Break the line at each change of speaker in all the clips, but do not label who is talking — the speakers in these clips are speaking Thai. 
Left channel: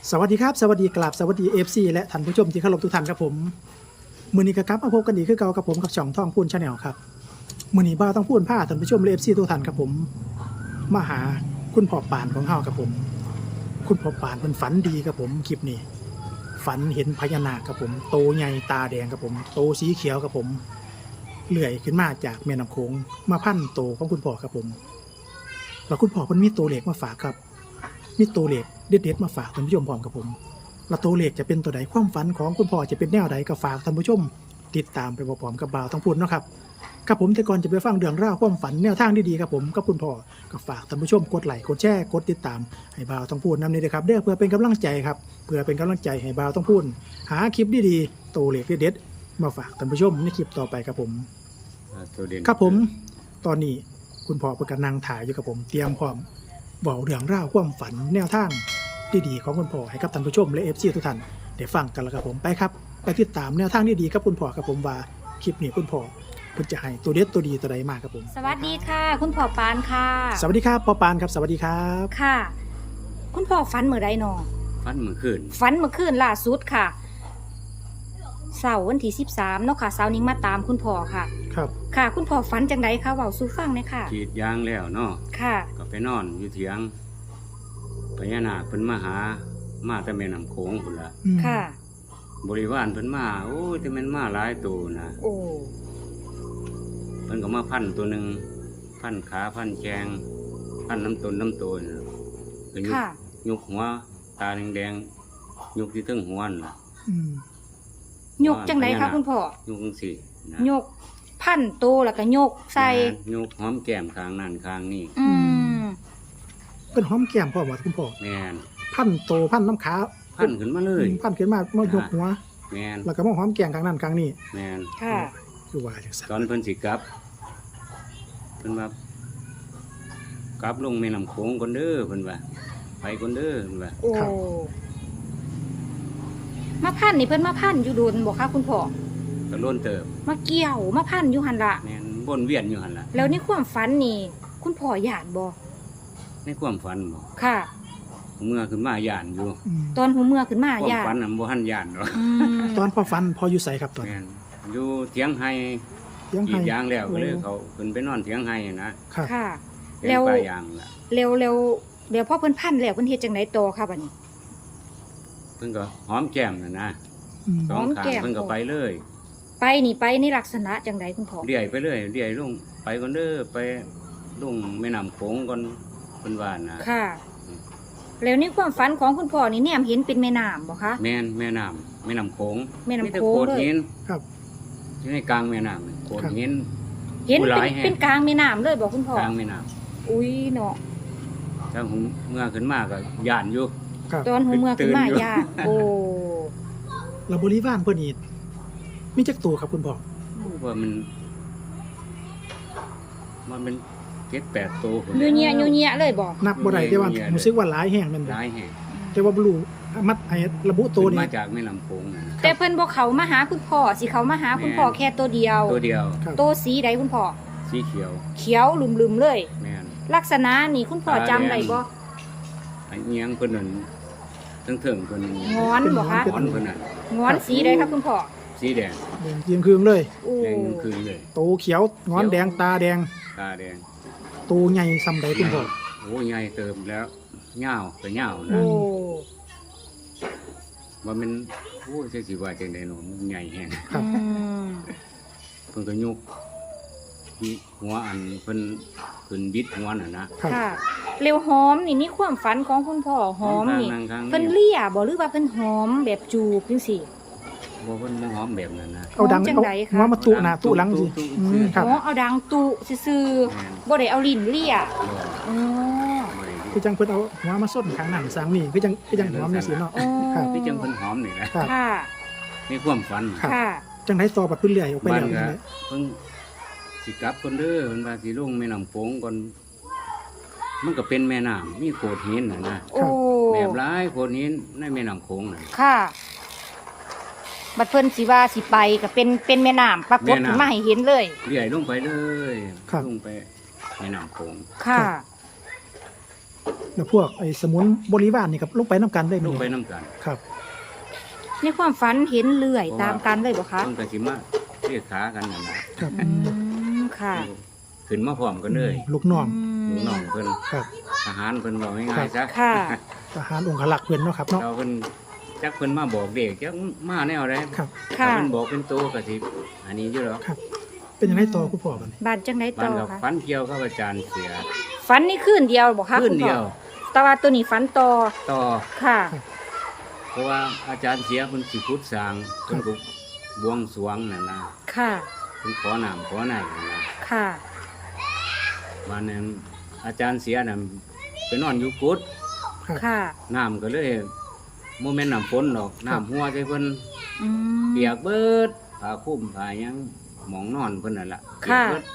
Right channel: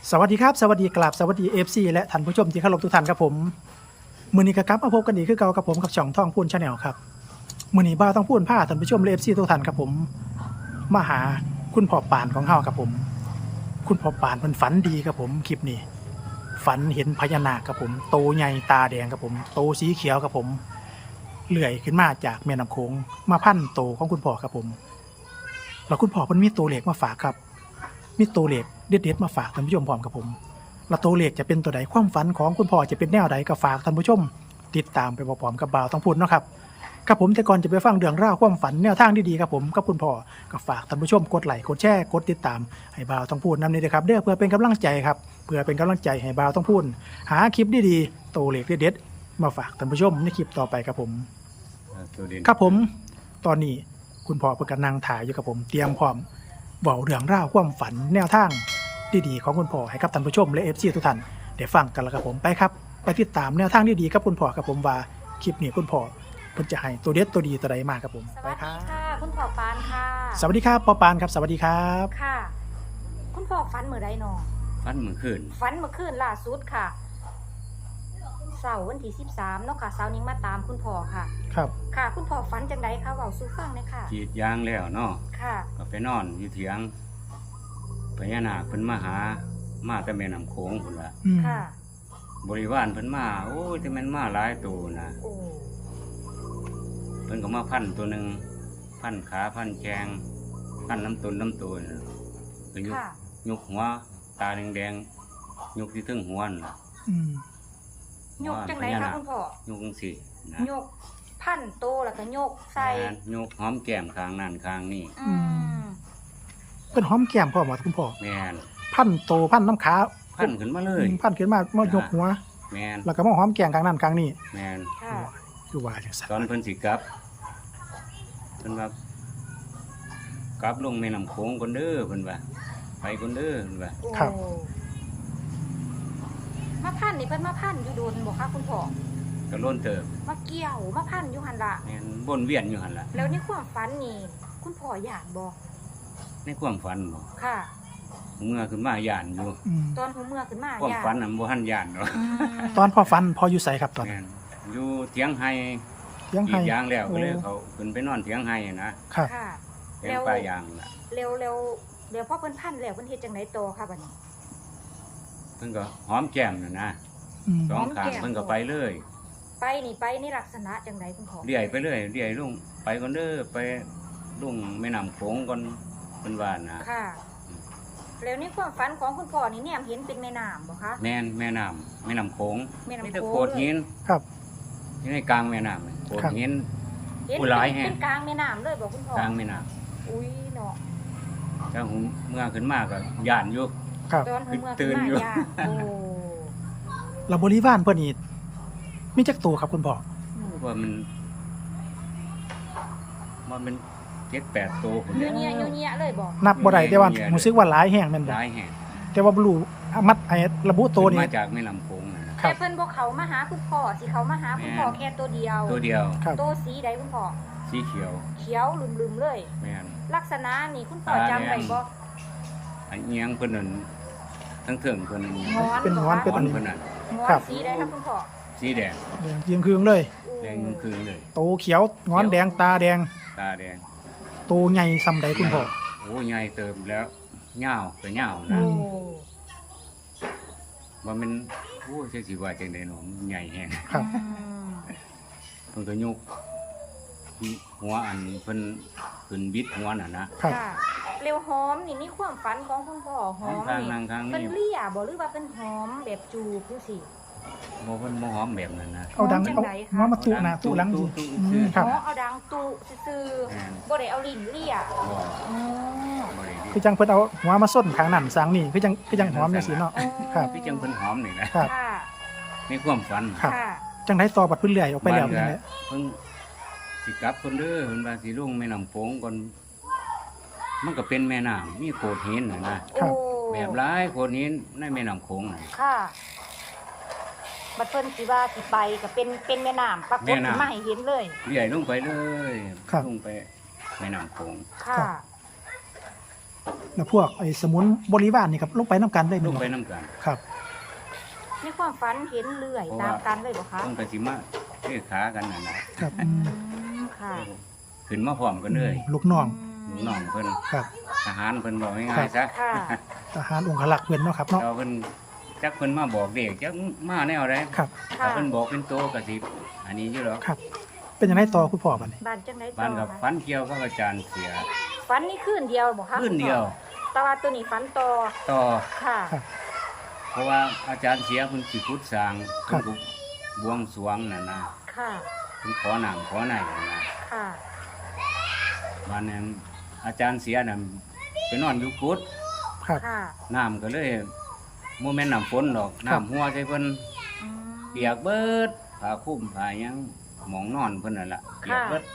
สวัสดีครับสวัสดีกราบสวัสดีFCและท่านผู้ชมที่เคารพทุกท่านครับผมมื้อนี้ก็กลับมาพบกันอีกคือเก่ากับผมกับช่องท่องพูน Channel ครับมื้อนี้บ่าวต้องพูนพาท่านผู้ชมและ FC ทุกท่านครับผมมาหาคุณพ่อปานของเฮาครับผมคุณพ่อปานเพิ่นฝันดีครับผมคลิปนี้ฝันเห็นพญานาคครับผมโตใหญ่ตาแดงครับผมโตสีเขียวครับผมเลื่อยขึ้นมาจากแม่น้ำโขงมาพันโตของคุณพ่อครับผมแล้วคุณพ่อเพิ่นมีตัวเลขมาฝากครับมีตัวเลขเด็ดๆมาฝากท่านผู้ชมพร้อมกับผมและตัวเลขจะเป็นตัวใดความฝันของคุณพ่อจะเป็นแนวใดก็ฝากท่านผู้ชมติดตามไปพร้อมๆกับบ่าวต้องพูดเนาะครับกับผมแต่ก่อนจะไปฟังเรื่องราวความฝันแนวทางดีๆครับผมกับคุณพ่อก็ฝากท่านผู้ชมกดไลค์กดแชร์กดติดตามให้บ่าวต้องพูดนำนี้นะครับเด้อเพื่อเป็นกำลังใจครับเพื่อเป็นกำลังใจให้บ่าวต้องพูดหาคลิปดีๆตัวเลขเด็ดๆมาฝากท่านผู้ชมในคลิปต่อไปครับผม
ตัวเด่น
ครับผมตอนนี้คุณพ่อเพิ่นกำลังถ่ายอยู่ครับผมเตรียมพร้อมเว้าเรื่องราวความฝันแนวทางดีๆของคุณพ่อให้กับท่านผู้ชมและ FC ทุกท่านได้ฟังกันแล้วครับผมไปครับไปติดตามแนวทางดีๆกับคุณพ่อครับผมว่าคลิปนี้คุณพ่อเพิ่นจะให้ตัวเด็ดตัวดีตัวใดมาครับผม
สวัสดีค่ะ คุณพ่อปานค่ะ
สวัสดีครับพ่อปานครับสวัสดีครับ
ค่ะ คุณพ่อฝันเมื่อใดนอ
ฟันมือขึ้น
ฝันเมื่อคืนล่าสุดค่ะเสาร์วันที่13เนาะค่ะเสาร์นี้มาตามคุณพ่อค่ะ
ครับ
ค่ะ คุณพ่อฝันจังไดคะเว้าสู่ฟังหน่อยค่ะ
ขีดยางแล้วเนาะ
ค่ะ
ก็ไปนอนอยู่เถียงพญานาคเพิ่นมาหามาแต่แม่น้ำโขงพุ่นละ
อืม
ค่ะ
บริวารเพิ่นมาโอ้ยแต่แม่นมาหลายตัวนะ
โอ้
เพิ่นก็มาพันตัวหนึ่งพันขาพันแขงพันน้ำตนน้ำตัวน่ะก็ยุก
ค่ะ
ยุกหัวตาแดงๆยุกที่ถึงหัวนั่นล่ะ
อืม
ยกจังไดคะคุณพ่อ
ยุกจังสินะ
ยกพันโตแล้วก็ยกใส่
แม่นยุกหอมแก้มข้างนั่นข้างนี่
อืม
เป็นหอมแก้มพ่อหมดคุณพ่อ
แม่น
พันโตพันน้ำขา
พันขึ้นมาเลย
พันขึ้นมามายกหัว
แม่น
แล้วก็มาหอมแก้มกลางนั้นกลางนี้
แม่น
ค่ะ
คือว่าจังซั่น
ตอนเพิ่นสิกลับเพิ่นว่ากลับลงแม่น้ำโขงก่อนเด้อเพิ่นว่าไปก่อนเด้อเพิ่นว่า
โอ้มาพันนี่เพิ่นมาพันอยู่โดนบ่คะคุณพ่อ
ก็ล้นเติบ
มาเกี่ยวมาพันอยู่หั่นล่ะ
แม่นวนเวียนอยู่หั่นล่ะ
แล้วในความฝันนี่ คุณพ่อหยาดบ่
ในความฝันบ่
ค่ะ
เมื่อขึ้นมาย่านอยู่
อืม
ตอนหัวเมื่อขึ้นมา
ความ
หยาด
ฝันน่ะบ่ทันย่านดอก
อืม
ตอนพ่อฟันพ่ออยู่ไสครับตอน
แม่นอยู่เถียงไห้
เลี้ยง
กรี
ให้
ดยางแล้วก็เลย
โอ้
เขาขึ้นไปนอนเถียงไห้นะครับ
ค่ะ
เถียงป่ายางล่ะ
เร็วเร็วเดี๋ยวพ่อเพิ่นพันแล้วเพิ่นเฮ็ดจังไดโตอค่ะบัดนี้
เพิ่นก็หอมแก้มน่ะนะ
อืม
สองข้าง
หอมแก้ม
เพิ่นก็ไปเลย
ไปนี่ไปในลักษณะจังไดคุณพ่อ
เดี่ยไปเลยเดี่ยลงไปก่อนเด้อไปลงแม่น้ำโขงก่อนเพิ่นว่านะ
ค่ะ
อืม
แล้วในความฝันของคุณพ่อนี่แนมเห็นเป็นแม่น้ำบ่คะ
แม่นแม่น้ำโขง
แม่น้ำโขง
มีแต่โขดหิน
ครับ
อยู่ในกลางแม่น้ำโขด
ครับ
หิน
เห็น
ผู้ร้ายแฮะ
เป็นกลางแม่น้ำเลยบ่คุณพ่อก
ลางแม่น้
อุ้ยเนาะ
ำถ้าผมเมื่อขึ้นมาก็ย่านอยู่
ครับ
ตอนหัวเมื่อขึ้น
ตื่น
มา
อยู่
หยาดโอ้
แล้วบริวารเพิ่นนี่มีจักตัวครับคุณพ่อ
ว่ามันเป็น7-8ตัวคนเลย
ยูเนียยูเนียเลยบ่
นับบ่ได้แต่ว่า
เยอะๆเลย
รู้สึกว่าหลายแห่งแม่นบ่
หลายแห่ง
แต่ว่าบ่รู้มัดไอ้ระบุตัว
ขึ้น
นี่
มาจากแม่น้ำโขงนะ
แต่เพิ่นบ่เขามาหาคุณพ่อสิเขามาหาคุณพ่อ
แม่น
แค่ตัวเดียว
ตัวเดียว
ครับ
ตัวสีใดคุณพ่อ
สีเขียว
เขียวลืมๆเลย
แม่น
ลักษณะนี่คุณพ่อ
ตาแดง
จำได้บ่
อันเอียงเพิ่นนั่นทั้งเถิงเพิ่นนั่น
งอน
เป็น
บ่
งอน
คะ
เป็น
หอนเพิ่นนั่น
งอ
ครั
น
บ
สีใดครับคุณพ่อ
สีแดง
แดงเจียงคืองเลย
โอ้
แดงคืนเลย
โตเขียวงอนแดงตาแดง
ตาแดง
โตใหญ่ซำใดคุณพ่อ
โอ้ใหญ่เติมแล้วเหย้าก็เหย้า
อื
นะ
โอ้
ว่ามันโอ้ยจักสิว่าจังได๋เนาะมันใหญ่แฮง
ครับ
อืม
เพิ่นก็ยกหัวอันเพิ่นขึ้นบิดหัวน่ะนะครับ
ค่ะเร็วหอมนี่มีความฝันของคุณพ่อหอม
ข้าง
นี่
นั่งข้าง
เพิ่น
นี้
เลี่ยบ่หรือว่าเพิ่นหอมแบบจูบจังซี่
บ่เพิ่นบ่หอมแบบนั้นนะ
เอาดัง
จัง
เอา
ใดคะ
หัวมาตุหน้าตุหลังสิ
ตุ
อื
ซื้
ม
อ
ครับ
อ๋อเอาดังตุซื่อ
แม่น
ๆบ่ได้เอาลิ้นเลี่ย
บ่
อืม
บ่ได้ดี
คือจังเพิ่นเอาหัวมาส้นข้างนั้นสร้างนี่คือจังหอมจังซี่เนาะ ครับ
คือจังเพิ่นหอมนี่นะครับ
ค่ะ
ในความฝัน
ครับ
ค่ะ
จังได๋ต่อบัดเพิ่นเลื่อยออกไป
บ้าน
แล้ว
ก็
นี่แหละ
เพิ่งสิกลับคนเด้อเพิ่นว่าสิลงแม่น้ำโขงก่อนมันก็เป็นแม่น้ำมีโขดหินน่ะนะ
ครับ
โอ้
แบบหลายโขดหินในแม่น้ำโขงน่ะ
ค่ะบัดเพิ่นสิว่าสิไปก็เป็นแม่น้ำปรากฏ
แม่น้ำ
ขึ้นมาให้เห็นเลย
เลื่อยลงไปเลย
ครับ
ลงไปแม่น้ำโขง
ค่ะ
ครับแล้วพวกไอ้สมุนบริวารนี่ครับลงไปนํกันได้มั้
ลู
ย
กไปน้ำกัน
ครับ
ในความฝันเห็นเลื่อยตามกันเลยบ่คะ
เพิ่นก็สิมาเรียกขากันนั่นนะครับ
อืมค่ะ
ขึ้นมาพร้อมกันเลย
ลูกน้อง
ลูกน้องเพิ่น
ครับ
ทหารเพิ่นบอกง่ายๆซะ
ค่ะ
ทหารองครักษ์เพิ่นเนาะครับเนาะ
เราเพิ่นจักเพิ่นมาบอกเด็กจักมาแนวใด
ครับ
ค่ะ
ถ้าเพิ่นบอกเป็นโตก็สิอันนี้อยู่หรอก
ครับ เป็นยังไงต่อคุณพ่อบัดนี้
บ้านจังได๋ต่
บ้าน
อ
กับ
คะ
ฟันเกี่ยวกับอาจารย์เสีย
ฝันนี่คืนเดียวบ่คะ
คืนเดียว
แต่ว่าตัวนี้ฝันต่อ
ต่อ
ค่ะ
เพราะว่าอาจารย์เสียเพิ่นสิพุทธสร้างเพิ่นก็บวงสรวงนั่นนะ
ค่ะ
เพิ่นขอน้ำขอไหนนั่นนะ
ค่ะ
บ้านนั้นอาจารย์เสียน่ะไปนอนอยู่กุฏ
ครับ
ค่ะ
น้ำก็เลยโมเมนต์น้ำฝนดอก
ครับ
น้ำหัวใส่เพิ่น
อืม
เปียกเบิดผ้าคลุ้มผ้าหยังหมองนอนเพิ่นนั่นล่ะเปียก
ค่ะ
เบิด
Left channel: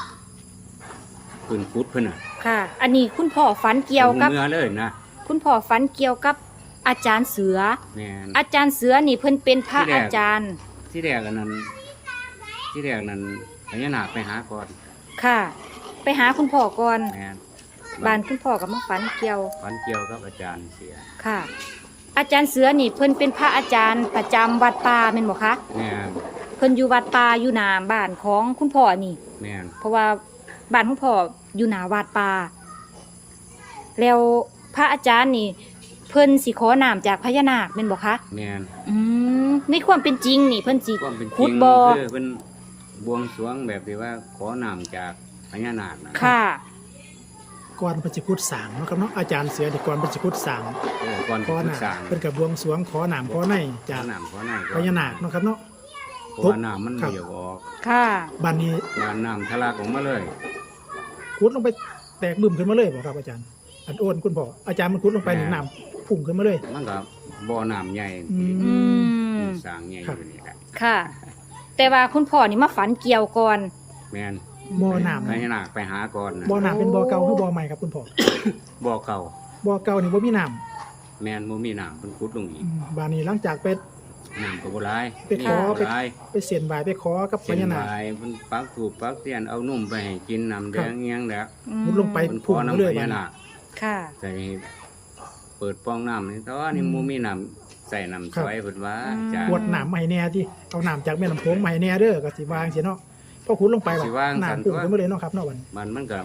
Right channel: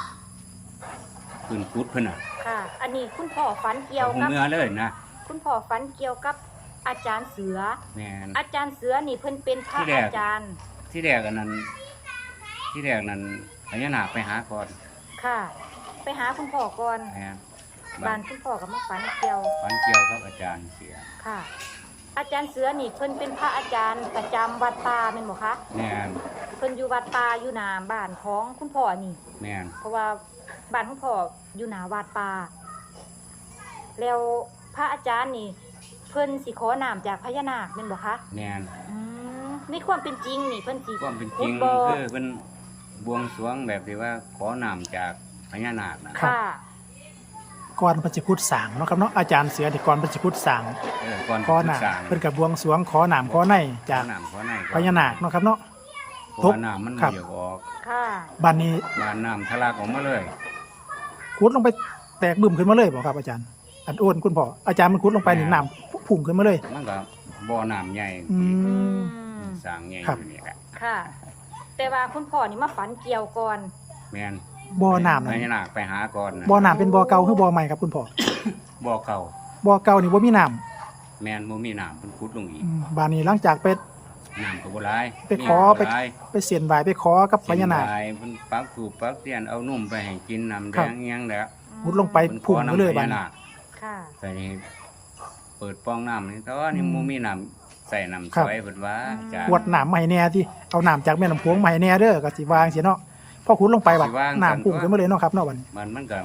พื้นกุฏเพิ่นน่ะ
ค่ะ อันนี้คุณพ่อฝันเกี่ยว
หู
กับ
เมื่อเลยนะ
คุณพ่อฝันเกี่ยวกับอาจารย์เสือ
แม่น
อาจารย์เสือนี่เพิ่นเป็นพระ
ที่แรก
อาจารย์
ที่แรกอันนั้นที่แรกนั้นพญานาคไปหาก่อน
ค่ะ ไปหาคุณพ่อก่อน
แม่น
บ้านคุณพ่อกับมาฝันเกี่ยว
ฝันเกี่ยวกับอาจารย์เสีย
ค่ะ อาจารย์เสือนี่เพิ่นเป็นพระอาจารย์ประจำวัดป่าแม่นบ่คะ
แม่น
เพิ่นอยู่วัดป่าอยู่หน้าบ้านของคุณพ่อนี่
แม่น
เพราะว่าบ้านคุณพ่ออยู่หน้าวัดป่าแล้วพระอาจารย์นี่ เพิ่นสิขอน้ำจากพญานาคแม่นบ่คะ
แม่น
อืมในความเป็นจริงนี่เพิ่นสิ
ความเป็นจ
ขุ
ริ
ด
ง
บ่อ
คือเป็นบวงสรวงแบบที่ว่าขอน้ำจากพญานาคนะ
ค่ะ
ก่อนเพิ่นสิพุทธสร้างเนาะครับเนาะอาจารย์เสือที่ก่อนเพิ่นสิพุทธสร้าง
ก่อน
ขอ
พุทธ
น้ำ
สร้าง
เพิ่นก็บวงสรวงขอน้ำขอใน
ข
จา
อก น้ำขอใน
พญานาคเนาะครับเนาะ
เพราะว่าน้ำมัน
ครับ
เบียกออก
ค่ะ
บัดนี้
บานน้ำทะลักออกมาเลย
ขุดลงไปแตกบึ้มขึ้นมาเลยบ่ครับอาจารย์ อันอ้วนคุณพ่ออาจารย์มันขุดลงไปนี่น้ำพุ่งขึ้นมาเลย
มันก็บ่อน้ำใหญ่
อืม
ที่
อืม
สร้างใหญ่
ครับ
อยู่นี่แหละ
ค่ะ แต่ว่าคุณพ่อนี่มาฝันเกี่ยวก่อน
แม่น
บ่อน้ำ
พ
นะ
ญานาคไปหาก่อนนะ
บ่อน้ำเป็นบ่อเก่าหรือบ่อใหม่ครับคุณพ่อ
บ่อเก่า
บ่อเก่านี่บ่มีน้
แม่นบ่มีน้ำเพิ่นขุดลงอี
ำ
ก
บัดนี้หลังจากไป
น้ำก็บ่หลาย
ไปขอ
มีบ่หลาย
ไปเสียนบายไปขอกับพ
เส้น
ญานาค
บายเพิ่นปักถูกปักเทียนเอานุ่มไปให้กินน้ำแดงอิหยังแล้ว
มุดลงไป
เพิ่นข
พุ่ง
อ
มา
น้ำ
เลย
พ
บัด
ญา
นี้
นาค
ค่ะ
ใส่เปิดป้องน้ำนี่แต่ว่านี่บ่มีน้ำใส่น้ำสวยเพิ่นว่าอาจารย์
ขวดน้ำมาให้แน่ที่เอาน้ำจากแม่น้ำโขงมาให้แน่เด้อก็สิวางสิเนาะพอขุดลงไปว่า
สิวางซั่น
น้ำพุ่งขึ้นมาเลยเนาะครับเนาะบัดนี้
มันก็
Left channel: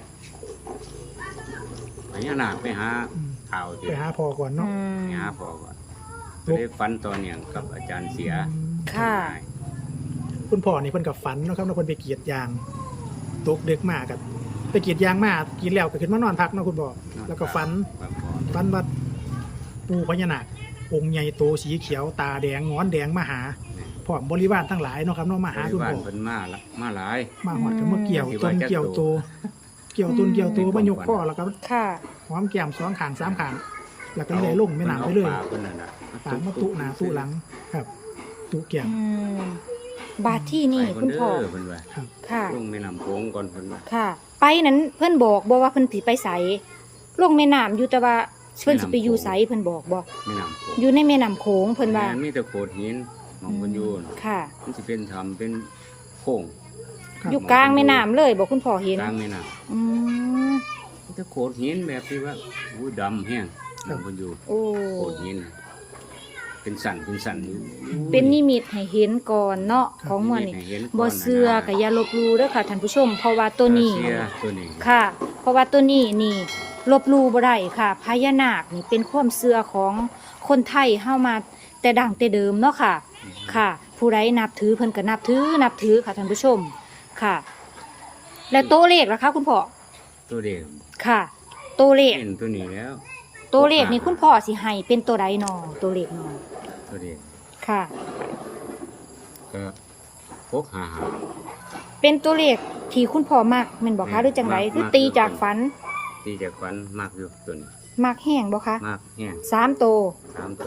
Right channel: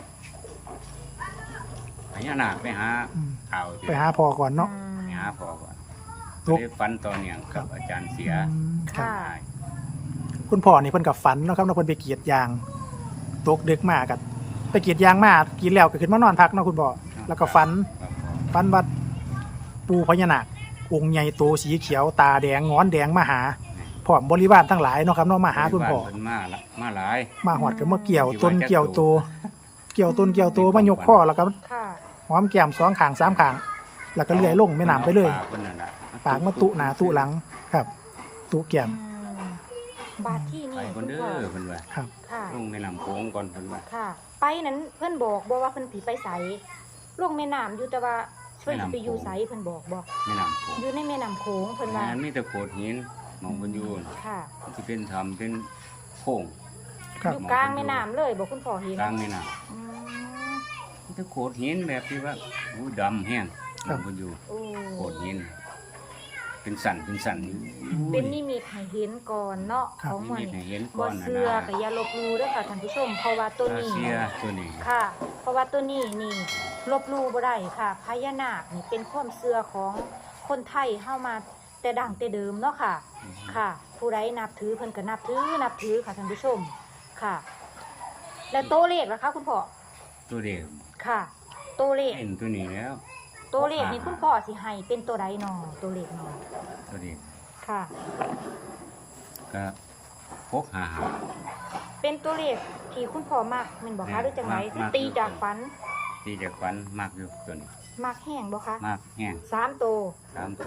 พญานาคไปหา
อืม
ข่าว
ไปหาพ่อก่อนเนาะ
ไปหาพ่อก่อน
ครั
ก็
บ
ได้ฝันต่อเนื่องกับอาจารย์เสีย
อืม
ค่ะ
คุณพ่อนี่เพิ่นกับฝันเนาะครับเนาะเพิ่นไปกรีดยางตกดึกมากกันไปกรีดยางมากินแล้วก็ขึ้นมานอนพักเนาะคุณพ่อแล้วก็ฝัน
ครับพ่อ
ฝันว่าปู่พญานาคองค์ใหญ่โตสีเขียวตาแดงงอนแดงมาหาพร้อมบริวารทั้งหลายเนาะครับเนาะมาหาคุณพ่อ
บ้นเพิ่นมาละมาหลาย
มาหอดก็มาเกี่ยว
ที่
ต้
ว่าน จะ
เกี่ยวโตเกี่ยวต้นเกี่ยวโต
ในความ
มายกข้อ
ฝัน
แล้วก็
ค่ะ
หอมแก้มสองข้างสามข้างแล้วก็เลื่อยลงแม่น้ำไปเลย
ปากเพิ่นนั่นน่ะ
ปากมาตุหน้าตุหลังครับตุแก้ม
อืมบาทที่
ไป
นี่
ค
คุ
น
ณ
เด้
พ่อ
อเพิ่นว่า
ครับ
ค่ะ
ลงแม่น้ำโขงก่อนเพิ่นว่า
ค่ะ ไปนั้นเพื่อนบอกว่าเพื่อนสิไปใสลงแม่น้ำอยู่แต่ว่าเพื่อนสิไปอยู่ใสเพื่อนบอก
แม่น้ำโขง
อยู่ในแม่น้ำโขงเพื่อนว่า
แม่นมีแต่โขดหินหมองเพิ่นอยู่น่ะ
ค่ะ
มันสิเป็นถ้ำเป็นโค้ง
ครับ
อยู่กลางแม่น้ำเลยบอกคุณพ่อเห็น
กลางแม่น้
อืม
ำมีแต่โขดหินแบบที่ว่าอู้ดำแห้งหมองเพิ่นอยู่
โอ้
โขดหิน เป็นสันอยู่
เป็นนิมิตให้เห็นก่อนเนาะ
ครับ
ของ
นี่
มัน
มี
นี่
ให้เห็น
บ่
ก่อน
เสือกับยาลบหลูเด้อค่ะท่านผู้ชม เพราะว่าตัวนี้
เสียตัวนี้
ค่ะ เพราะว่าตัวนี้นี่ลบหลูบ่ได้ค่ะพญานาคนี่เป็นความเชื่อของคนไทยเฮามาแต่ดั้งแต่เดิมเนาะค่ะ ค่ะ ผู้ใดนับถือเพิ่นก็นับถือค่ะท่านผู้ชมค่ะ แล้วตัวเลขล่ะคะคุณพ่อ
ตัวเด็ก
ค่ะ ตัวเลข
เห็นตัวนี้แล้ว
ตัวเลขนี่คุณพ่อสิให้เป็นตัวใดนอตัวเลขนอ
ตัวเด็ก
ค่ะ
ก็พกหา
เป็นตัวเลขที่คุณพ่อมักแม่นบอกคะหรือจังไดที่ตีจากฝัน
ตีจากฝันมากอยู่ตัวนี้
มักแห้งบ่คะ
มากแห้ง
3ตัว
3ตัว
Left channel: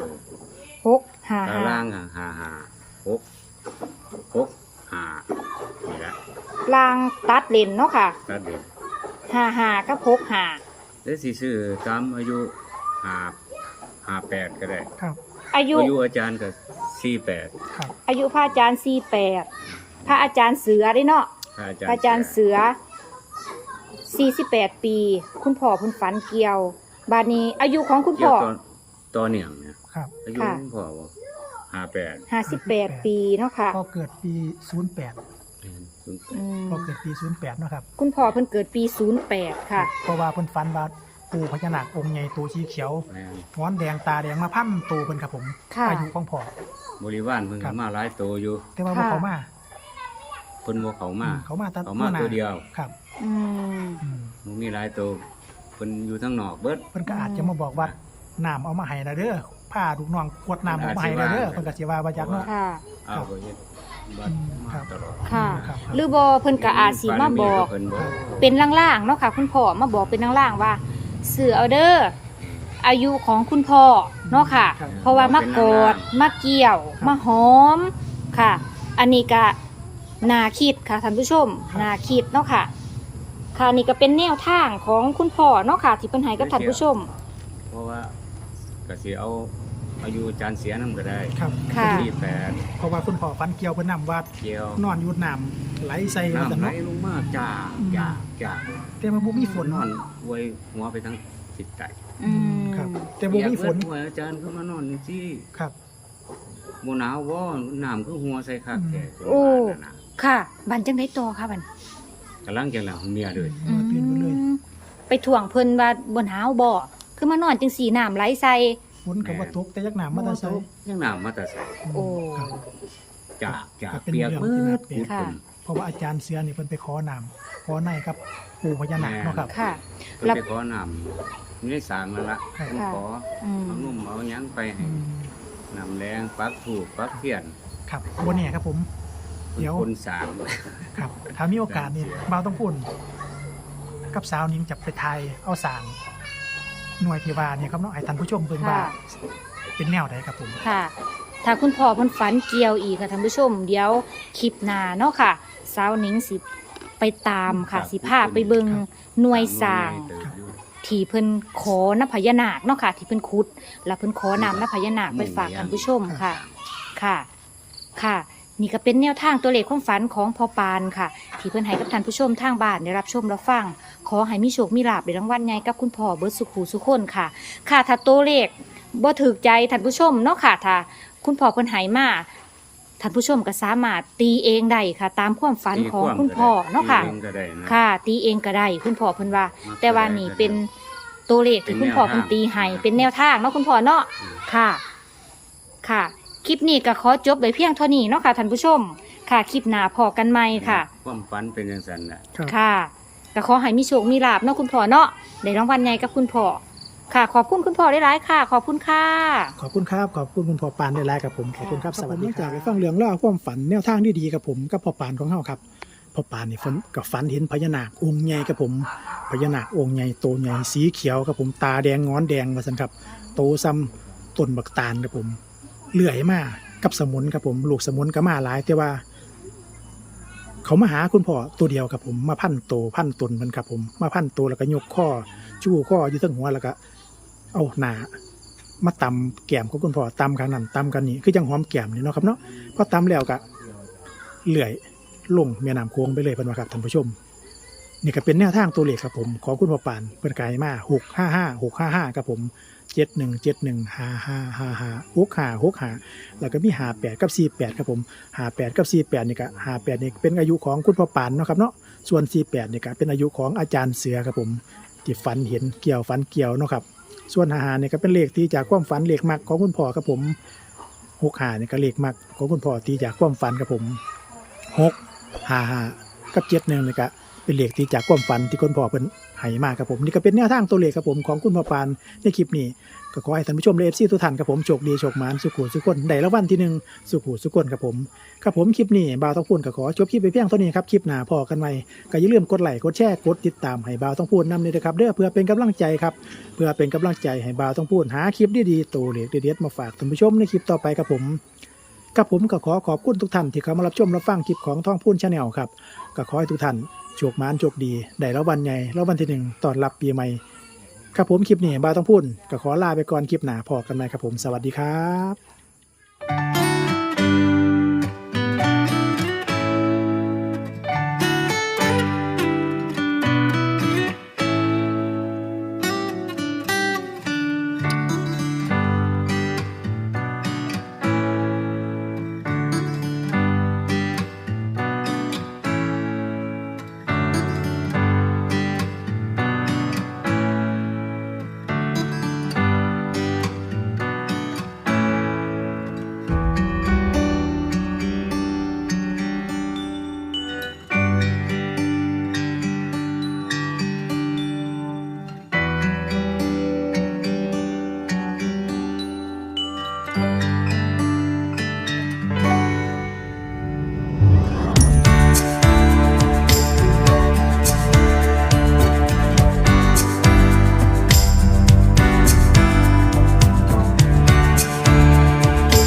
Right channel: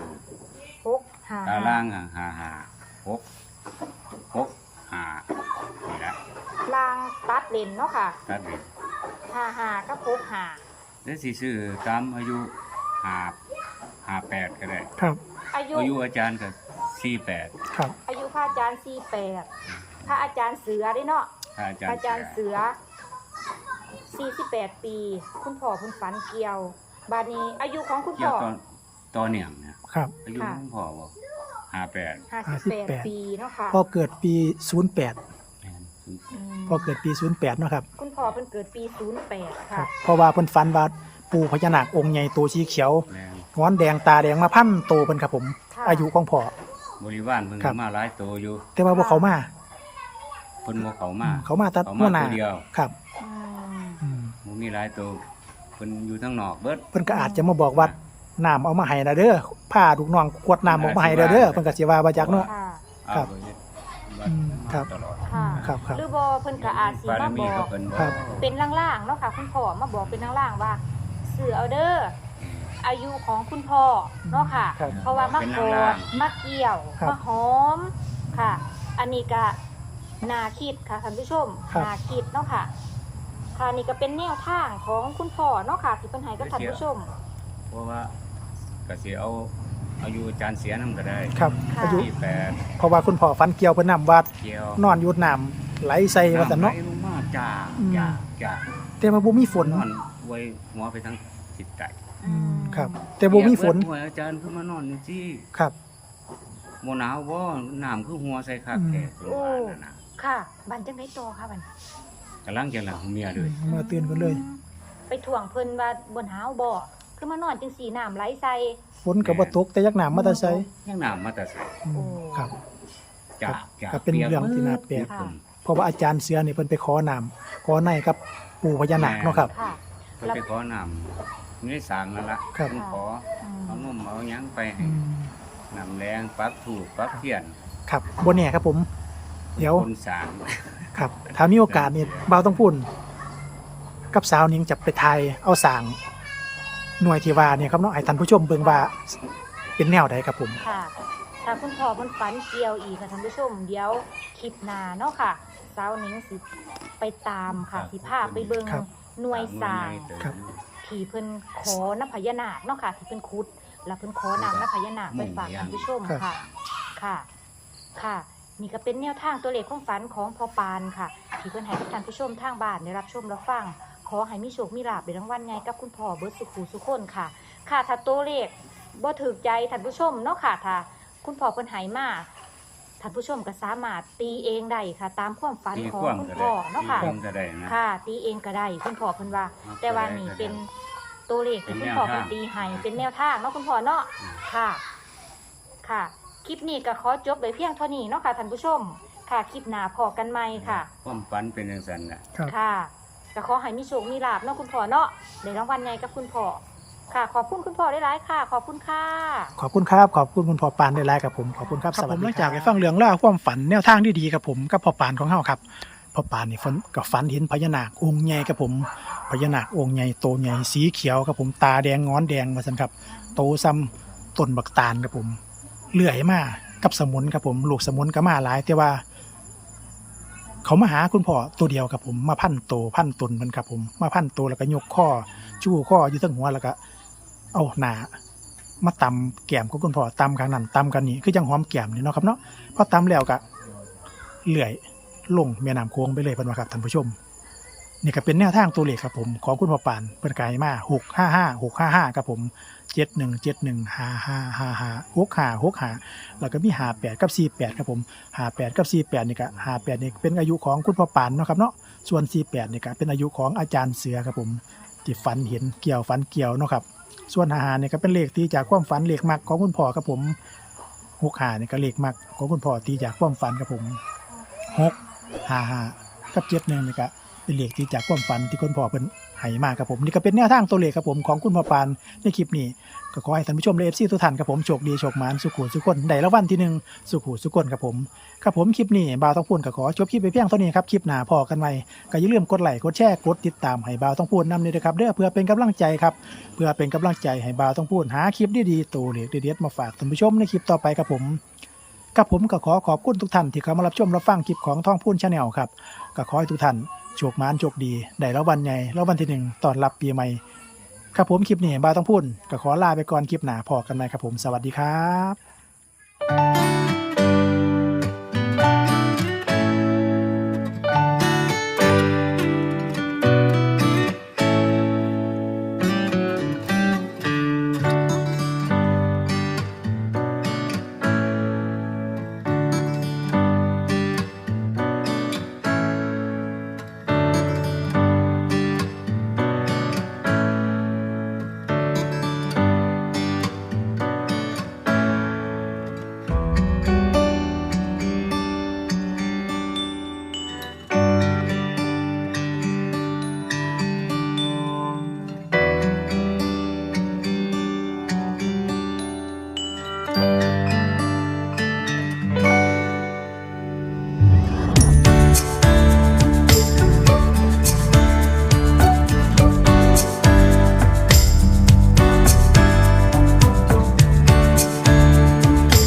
6
ตา
5
ล่างหกหานี่ละ
ลางตัดเลนเนาะค่ะ
ตัดเด็ก
55กับ65
แล้วสิซื้อตามอายุ58ก็ได้
ครับ
อายุ
อายุอาจารย์ก็48
ครับ
อายุพระอาจารย์48พระอาจารย์เสือได้เนาะ
ถ้าอา
พ
จาร
ระ
ย์
อาจารย์เสือ48 ปี คุณพ่อเพุ่นฝันเกี่ยวบาดนี้อายุของคุณ
เกี่ย
พ่
ว
อ
ต่อเนื่องเนี่ย
ครับ
อายุ
ค่ะ
คุณพ่อบ่58
58 ปีเนาะค่ะ
พ่อเกิดปี08
แม่น
อืม
พ่อเกิดปี08เนาะครับ
คุณพ่อเพิ่นเกิดปี 08 ค่ะ
เพราะว่าเพิ่นฝันว่าปู่พญานาคองค์ใหญ่ตัวสีเขียว
แม่น
งอนแดงตาแดงมาพันโตเพิ่นครับผม
ค่ะ
อายุของพ่อบ
ริวารเพิ่น
ครั
ก็
บ
มาหลายโตอยู่
แต่ว่าบ่เขามา
เพิ่นบ่เข้ามา
เขามาตัด
เขามา
หน้
ตัวเดียว
ครับ
อืม
อืม
บ่มีหลายโตเพิ่นอยู่ทางนอกเบิด
เพิ่นก็อาจจะมาบอกว่าน้ำเอามาให้นะเด้อผ้าลูกน้องกวดน้ำเอามาให้นะเด้อเพิ่นก็สิว่าบ่จักเนาะ
ค่ะ
เอาไปเฮ็ดบัดมา
ครับ
ตลอด
ค่ะ
ครับครับ
หรือบ่เพิ่นก็อาจสิ
บาร
มา
มี
บอ
ก็
ก
เพิ่นบ่
ครับ
เป็นล่างๆเนาะค่ะ คุณพ่อมาบอกเป็นล่างๆว่าซื้อเอาเด้ออายุของคุณพ่อเนาะค่ะ
ครับ
เพราะว่ามาโกดมาเกี่ยว
ครับ
มาหอมค่ะ อันนี้ก็นาคิดค่ะท่านผู้ชม
ครับ
นาคิดเนาะค่ะ ค่ะนี่ก็เป็นแนวทางของคุณพ่อเนาะค่ะ ที่เพิ่นให้กับท่านผู้ชม
เพราะว่าก็สิเอาอายุอาจารย์เสียนำก็ได้
ครับ
ค่ะ
อายุ
ที่8
เพราะว่าคุณพ่อฝันเกี่ยวเพิ่นนำว่า
เกี่ยวน
อนอยู่น้ำไหลใส่ว่าซั่น
น้ำไหล
เนาะ
ลงมาจ้า
อืม
จ้าจ้า
แต่ว่าบ่มีฝน
นอนไว้หัวไปทางทิศใต้
อืม
ครับ แต่บ่มีฝน
เปียกเบิดหัวอาจารย์ขึ้นมานอนจังซี่
ครับ
บ่หนาวบ่น้ำคือหัวใส่คักแท้จนว่านั่นน่ะ
ค่ะบันจังได้ต่อค่ะบัน
กำลังจังหลังเมียเลย
เมื่อตื่นมาเลย
ไปถ่วงเพิ่นว่าบนหาวบ่คือมานอนจังสีน้ำไหลใส่
ฝนก็บ่ตกแต่ยักน้ำมาแต่ไส
ยังน้ำมาแต่ใส่
โอ้
ครับ
จากจาก
ก็เป็น
เปียก
เรื่อง
เบิ
ที่น่า
ด
แปลก
พูดเพิ่น
เพราะว่าอาจารย์เสือนี่เพิ่นไปขอน้ำขอในกับปู่พญานาคเนาะครับ
ค่ะ
เพิ่นไปขอน้ำนี่ได้สร้างแล้วล่ะ
ครับ
เพิ่นขอ
อืม
เอานุ่มเอาหยังไปให้
อืม
น้ำแรงปักถูกปักเทียน
ครับบ่แน่ครับผม เดี๋ยว
คนสร้าง
ครับถ้ามีโอกาสนี่เบาต้องพูดกับสาวนิ้งจะไปทายเอาสางหน่วยที่ว่าเนี่ยครับเนาะให้ท่านผู้ชมเบิ่งว่าเป็นแนวใดครับผม
ค่ะ ถ้าคุณพ่อเพิ่นฝันเกี่ยวอีกค่ะท่านผู้ชม เดี๋ยวคลิปหน้าเนาะค่ะสาวหนิงสิไปตามค่ะ สิพาไปเบิ่ง
ครับ
หน่วยสร้าง
หน่วยใหญ่เติบอยู่
ที่เพิ่นขอน้ำพญานาคเนาะค่ะ ที่เพิ่นขุด แล้วเพิ่นขอน้ำน้ำพญานาคไปฝากท่านผู้ชมค่ะ ค่ะ ค่ะ นี่ก็เป็นแนวทางตัวเลขความฝันของพ่อปานค่ะ ที่เพิ่นให้กับท่านผู้ชมทางบ้านได้รับชมรับฟัง ขอให้มีโชคมีลาภในรางวัลใหญ่กับคุณพ่อเบิร์ดสุขหูสุขคนค่ะ ค่ะ ถ้าตัวเลขบ่ถูกใจท่านผู้ชมเนาะค่ะ ถ้าคุณพ่อเพิ่นให้มาท่านผู้ชมก็สามารถตีเองได้ค่ะ ตามความฝัน
ตี
ของ
ความ
คุณ
ก็
พ่อ
ได้
เนาะ
ตี
ค่ะ
เองก็ได้นะ
ค่ะ ตีเองก็ได้คุณพ่อเพิ่นว่า
มัก
แต่ว่า
ก็ได้
นี่
ก็ได้
เป็นตัวเลขที่คุณพ่อ
เป็นแนวทาง
เพิ่นตีให้เป็นแนวทางเนาะคุณพ่อเนาะ
อืม
ค่ะ ค่ะ คลิปนี้ก็ขอจบไปเพียงเท่านี้เนาะค่ะท่านผู้ชม ค่ะ คลิปหน้าพอกันใหม่ค่ะ
ความฝันเป็นจังซั่นน่ะ
ครับ
ค่ะก็ขอให้มีโชค มีลาบเนาะคุณพ่อเนาะในรางวัลใหญ่กับคุณพ่อ ค่ะ ขอบคุณคุณพ่อได้หลายๆค่ะ ขอบคุณค่ะ
ขอบคุณครับขอบคุณคุณพ่อปานได้หลายครับผมขอบคุณครับ
ครับ
สวัสดี
ผม
หลังจากได้ฟังเรื่องเล่าวความฝันแนวทางที่ดีครับผมกับพ่อปานของเฮาครับพ่อปานนี่ฝันกับฝันเห็นพญานาคองค์ใหญ่ครับผมพญานาคองค์ใหญ่โตใหญ่สีเขียวครับผมตาแดงงอนแดงว่าซั่นครับโตซ้ำต้นบักตาลครับผมเลื่อยมากับสมุนครับผมลูกสมุนก็มาหลายแต่ว่า เขามาหาคุณพ่อตัวเดียวครับผมมาพันโตพันตนมันครับผมมาพันโตแล้วก็ยกข้อชู้ข้ออยู่ทั้งหัวแล้วก็เอาหน้ามาตำแก้มของคุณพ่อตำข้างนั้นตำกันนี่คือจังหอมแก้มนี่เนาะครับเนาะพอตำแล้วก็เลื่อยลงแม่น้ำโค้งไปเลยเพิ่นว่าครับท่านผู้ชม นี่ก็เป็นแนวทางตัวเลขครับผมของคุณพ่อปานเพิ่นกายมา655ครับผม7171555565แล้วก็มี58กับ48ครับผม58กับ48นี่ก็58นี่เป็นอายุของคุณพ่อปานเนาะครับเนาะส่วน48นี่ก็เป็นอายุของอาจารย์เสือครับผมที่ฝันเห็นเกี่ยวฝันเกี่ยวเนาะครับส่วน55นี่ก็เป็นเลขที่จากความฝันเลขมักของคุณพ่อครับผม65นี่ก็เลขมักของคุณพ่อที่จากความฝันครับผม655กับ71นี่ก็เป็นเลขที่จากความฝันที่คุณพ่อเพิ่นให้มาครับผมนี่ก็เป็นแนวทางตัวเลขครับผมของคุณพ่อปานในคลิปนี้ก็ขอให้ท่านผู้ชมและ FC ทุกท่านครับผมโชคดีโชคหมานสุขหูสุขคนได้รางวัลที่หนึ่งสุขหูสุขคนครับผมครับผมคลิปนี้บ่าวต้องพูดก็ขอจบคลิปไปเพียงเท่านี้ครับคลิปหน้าพอกันใหม่ก็อย่าลืมกดไลค์กดแชร์กดติดตามให้บ่าวต้องพูดนำด้วยนะครับเด้อเพื่อเป็นกำลังใจครับเพื่อเป็นกำลังใจให้บ่าวต้องพูดหาคลิปดีๆตัวเลขเด็ดๆมาฝากท่านผู้ชมในคลิปต่อไปครับผมกับผมก็ขอขอบคุณทุกท่านที่เข้ามารับชมรับฟังคลิปของท่องพูนชาแนลครับก็ขอให้ทุกท่านโชคหมานโชคดีได้รางวัลใหญ่รางวัลที่หนึ่งตอนรับปีใหม่ครับผมคลิปนี้บ่าวต้องพูดก็ขอลาไปก่อนคลิปหน้าพอกันใหม่ครับผมสวัสดีครับ